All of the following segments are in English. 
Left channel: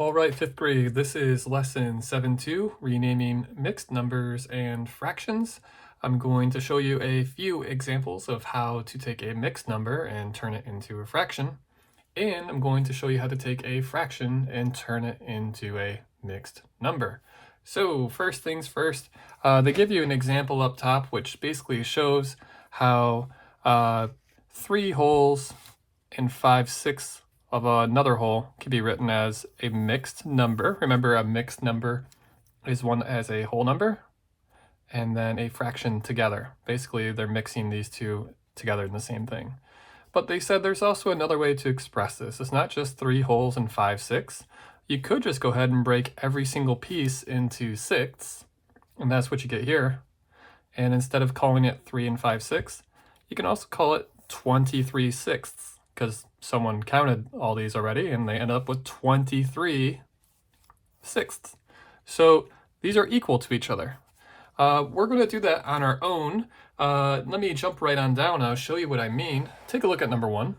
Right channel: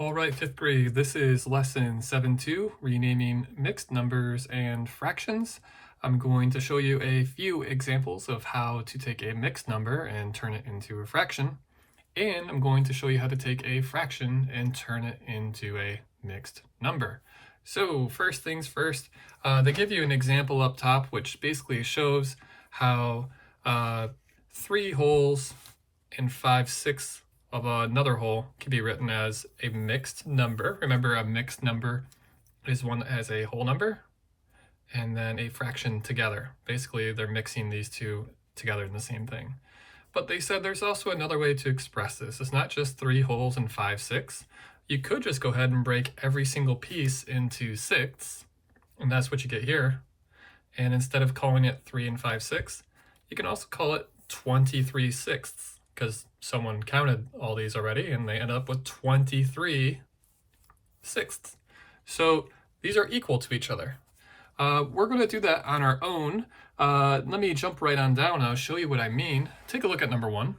All right, fifth grade, this is lesson 7.2, renaming mixed numbers and fractions. I'm going to show you a few examples of how to take a mixed number and turn it into a fraction. And I'm going to show you how to take a fraction and turn it into a mixed number. So first things first, they give you an example up top, which basically shows how 3 wholes and 5/6 of another whole can be written as a mixed number. Remember, a mixed number is one that has a whole number and then a fraction together. Basically, they're mixing these two together in the same thing. But they said there's also another way to express this. It's not just 3 wholes and 5/6. You could just go ahead and break every single piece into sixths, and that's what you get here. And instead of calling it 3 and 5/6, you can also call it 23 sixths, because someone counted all these already and they ended up with 23 sixths. So these are equal to each other. We're going to do that on our own. Let me jump right on down and I'll show you what I mean. Take a look at number 1.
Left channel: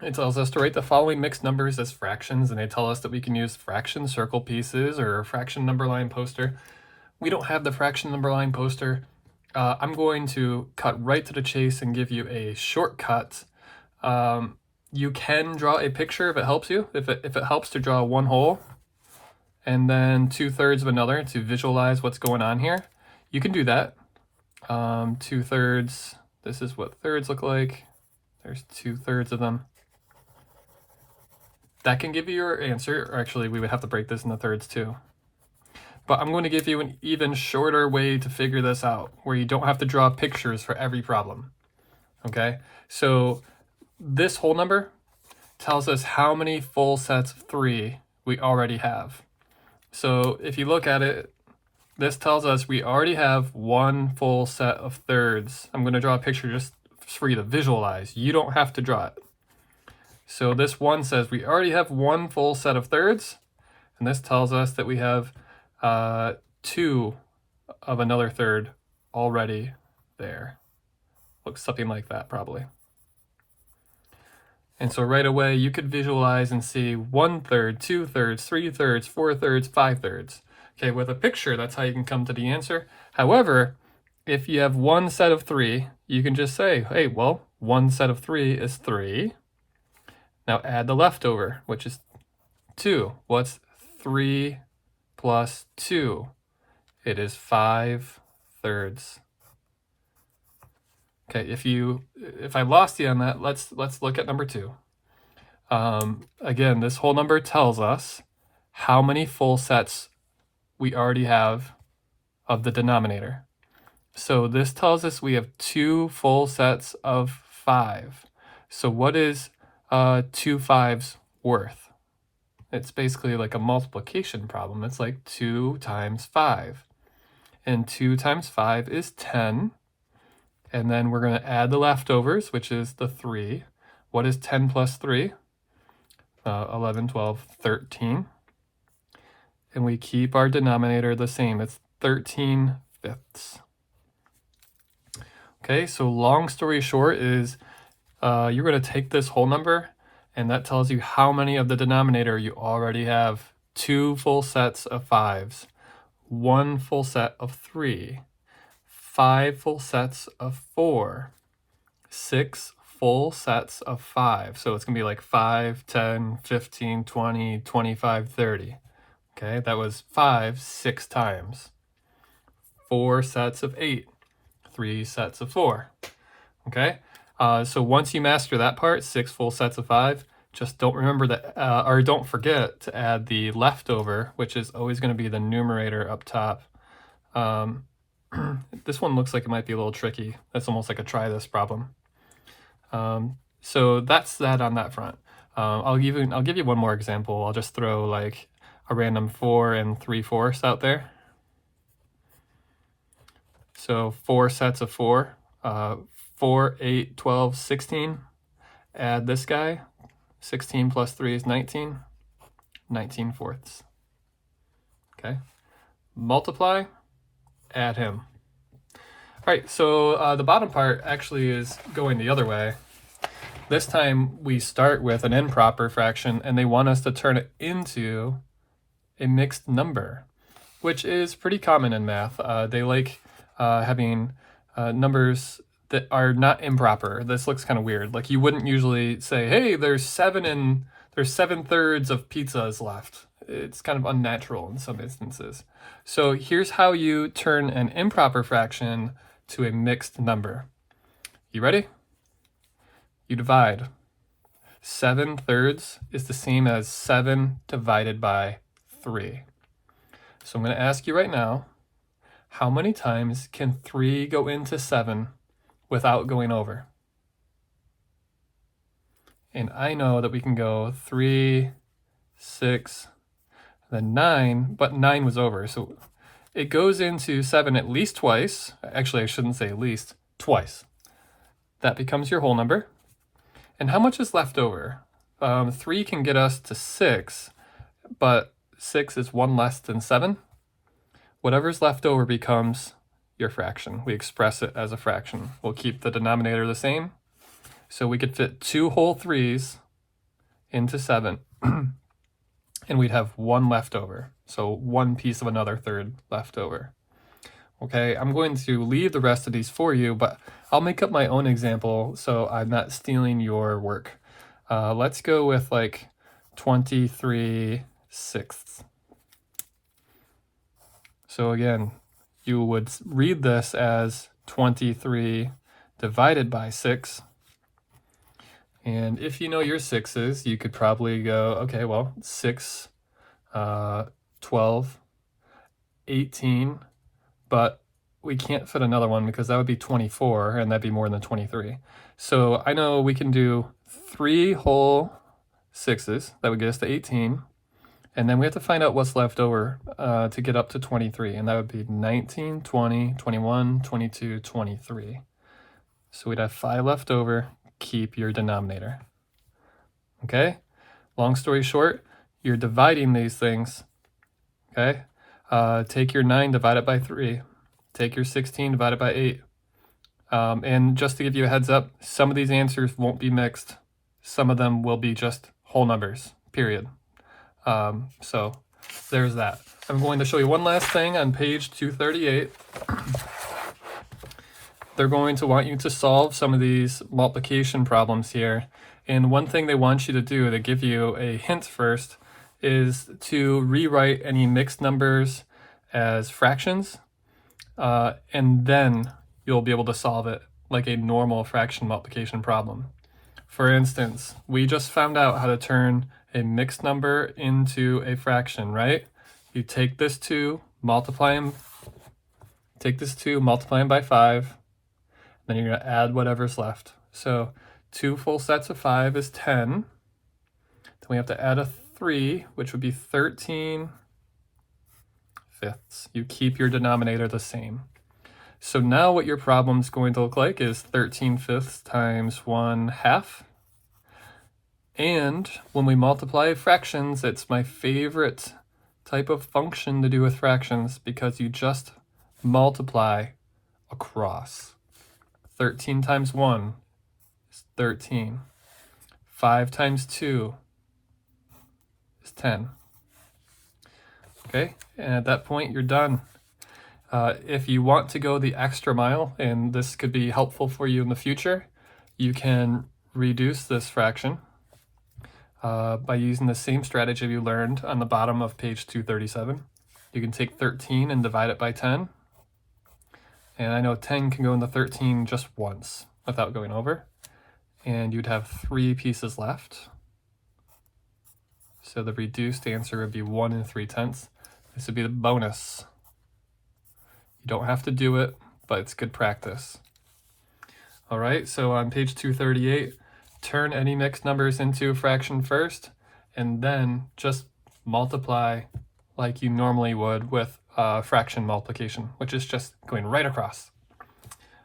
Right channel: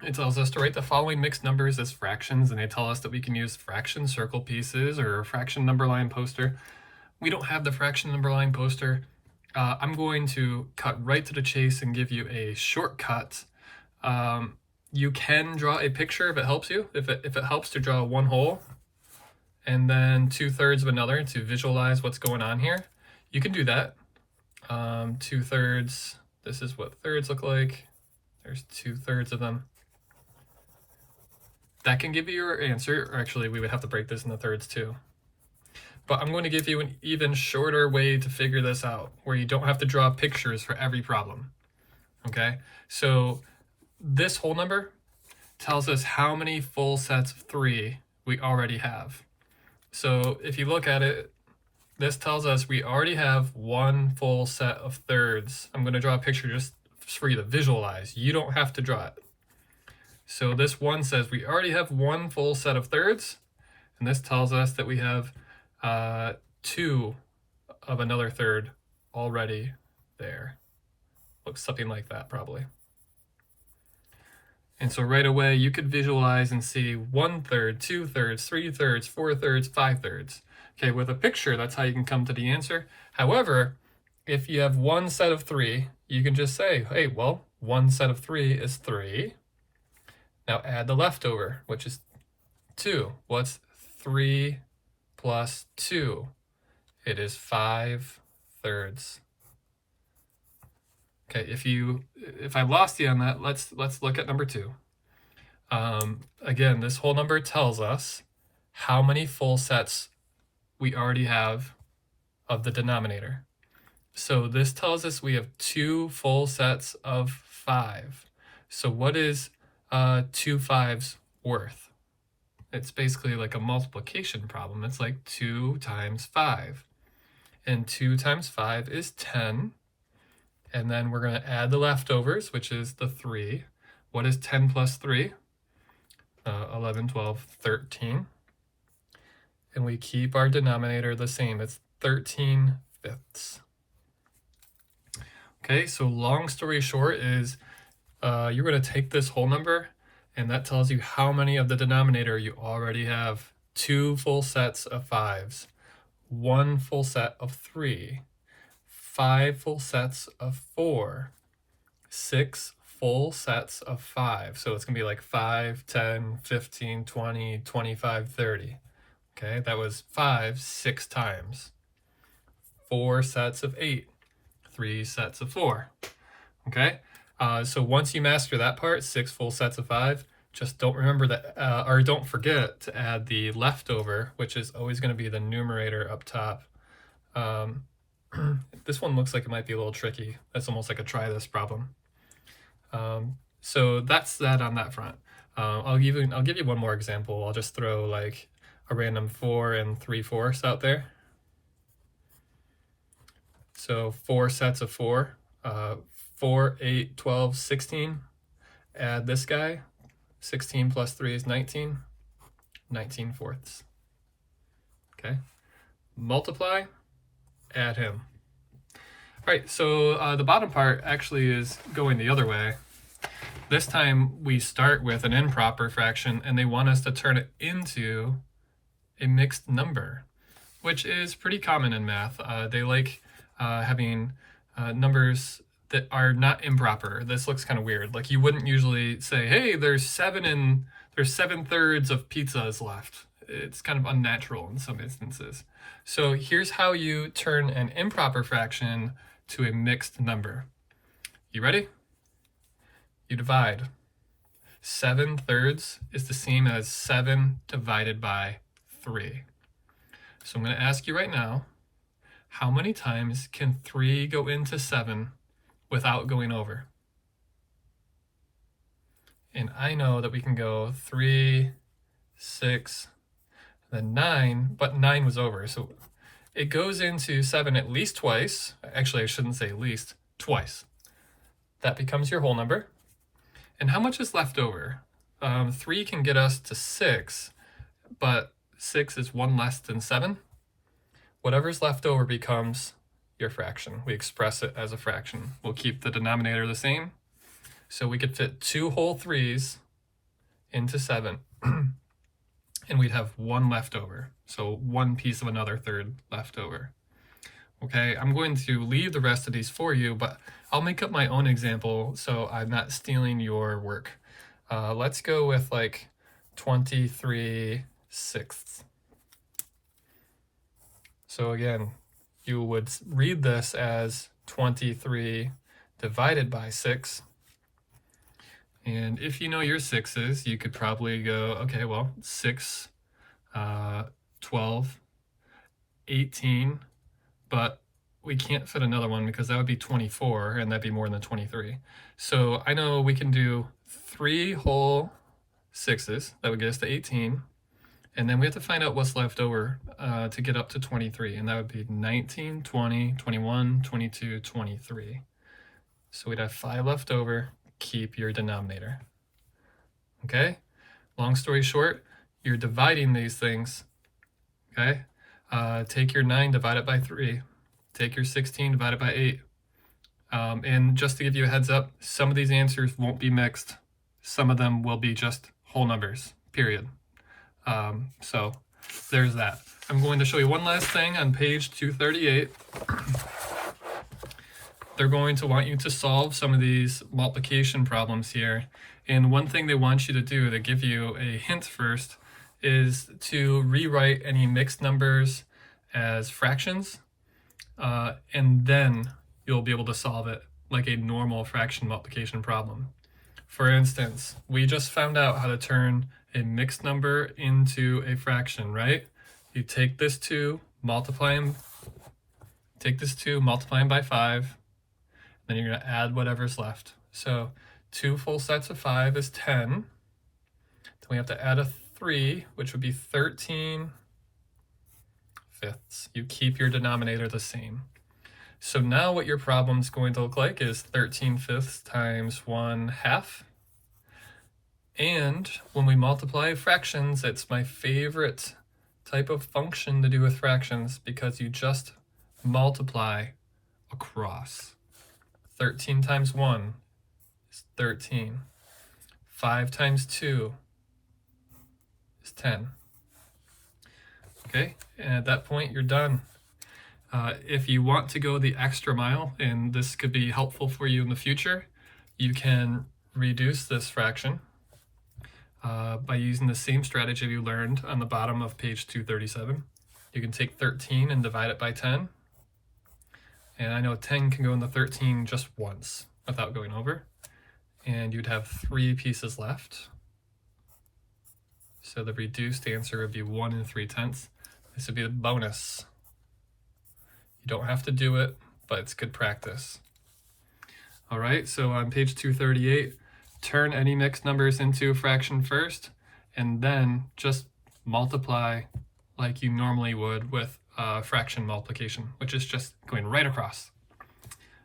It tells us to write the following mixed numbers as fractions, and they tell us that we can use fraction circle pieces or a fraction number line poster. We don't have the fraction number line poster. I'm going to cut right to the chase and give you a shortcut. You can draw a picture if it helps you, if it helps to draw one whole and then 2/3 of another to visualize what's going on here. You can do that. 2/3, this is what thirds look like. There's 2/3 of them. That can give you your answer, or actually we would have to break this into thirds too. But I'm going to give you an even shorter way to figure this out, where you don't have to draw pictures for every problem. Okay, so this whole number tells us how many full sets of 3 we already have. So if you look at it, this tells us we already have one full set of thirds. I'm going to draw a picture just for you to visualize. You don't have to draw it. So this one says we already have one full set of thirds, and this tells us that we have 2 of another third already there. Looks something like that probably. And so right away you could visualize and see 1/3, 2/3, 3/3, 4/3, 5/3. Okay, with a picture, that's how you can come to the answer. However, if you have one set of 3, you can just say, hey, well, one set of 3 is 3. Now add the leftover, which is 2. What's 3 plus 2? It is 5/3. Okay, if I lost you on that, let's look at number 2. Again, this whole number tells us how many full sets we already have of the denominator. So this tells us we have 2 full sets of 5. So what is 2 5s worth? It's basically like a multiplication problem. It's like 2 times 5. And 2 times 5 is 10. And then we're going to add the leftovers, which is the 3. What is 10 plus 3? 11, 12, 13. And we keep our denominator the same. It's 13 fifths. Okay, so long story short is you're going to take this whole number, and that tells you how many of the denominator you already have. 2 full sets of 5s, 1 full set of 3, 5 full sets of 4, 6 full sets of 5. So it's going to be like 5, 10, 15, 20, 25, 30. Okay, that was 5 6 times. 4 sets of 8, 3 sets of 4. Okay, so once you master that part, 6 full sets of 5, just don't remember that, or don't forget to add the leftover, which is always going to be the numerator up top. This one looks like it might be a little tricky. That's almost like a try this problem. So that's that on that front. I'll give you one more example. I'll just throw like a random 4 and 3/4 out there. So 4 sets of 4, 4, 8, 12, 16. Add this guy. 16 plus 3 is 19. 19 fourths. Okay. Multiply. Add him. All right, so the bottom part actually is going the other way. This time we start with an improper fraction and they want us to turn it into a mixed number, which is pretty common in math. They like having numbers that are not improper. This looks kind of weird. Like you wouldn't usually say, hey, there's 7/3 of pizzas left. It's kind of unnatural in some instances. So here's how you turn an improper fraction to a mixed number. You ready? You divide. 7/3 is the same as 7 divided by 3. So I'm going to ask you right now, how many times can 3 go into 7 without going over? And I know that we can go 3, 6, then 9, but 9 was over. So it goes into 7 at least twice. Actually, I shouldn't say at least, twice. That becomes your whole number. And how much is left over? 3 can get us to 6, but 6 is 1 less than 7. Whatever's left over becomes your fraction. We express it as a fraction. We'll keep the denominator the same. So we could fit 2 whole 3's into 7. And we'd have 1 left over. So 1 piece of another third left over. Okay, I'm going to leave the rest of these for you, but I'll make up my own example so I'm not stealing your work. Let's go with like 23/6. So again, you would read this as 23 divided by 6. And if you know your 6's, you could probably go, okay, well, 6, 12, 18, but we can't fit another one because that would be 24, and that'd be more than 23. So I know we can do 3 whole 6's. That would get us to 18. And then we have to find out what's left over to get up to 23. And that would be 19, 20, 21, 22, 23. So we'd have 5 left over. Keep your denominator. Okay? Long story short, you're dividing these things. Okay? Take your 9, divide it by 3. Take your 16, divide it by 8. And just to give you a heads up, some of these answers won't be mixed. Some of them will be just whole numbers, period. So there's that. I'm going to show you one last thing on page 238. They're going to want you to solve some of these multiplication problems here. And one thing they want you to do to give you a hint first is to rewrite any mixed numbers as fractions, and then you'll be able to solve it like a normal fraction multiplication problem. For instance, we just found out how to turn a mixed number into a fraction, right? You take this 2, multiply them by 5, then you're going to add whatever's left. So 2 full sets of 5 is 10. Then we have to add a 3, which would be 13/5. You keep your denominator the same. So now what your problem's going to look like is 13/5 times 1/2. And when we multiply fractions, it's my favorite type of function to do with fractions because you just multiply across. 13 times 1 is 13. 5 times 2 is 10. Okay, and at that point you're done. If you want to go the extra mile, and this could be helpful for you in the future, you can reduce this fraction by using the same strategy you learned on the bottom of page 237. You can take 13 and divide it by 10. And I know 10 can go into 13 just once without going over. And you'd have 3 pieces left. So the reduced answer would be 1 3/10. This would be the bonus. You don't have to do it, but it's good practice. All right, so on page 238, turn any mixed numbers into a fraction first, and then just multiply like you normally would with fraction multiplication, which is just going right across.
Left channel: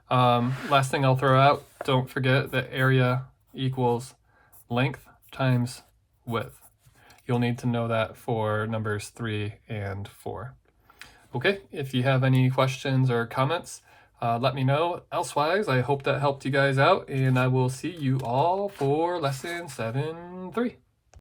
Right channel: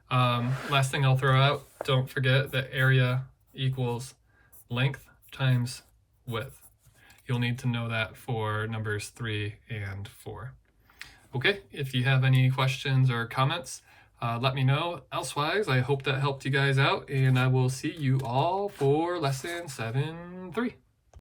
Last thing I'll throw out, don't forget that area equals length times width. You'll need to know that for numbers 3 and 4. Okay, if you have any questions or comments, let me know. Elsewise, I hope that helped you guys out, and I will see you all for lesson 7-3.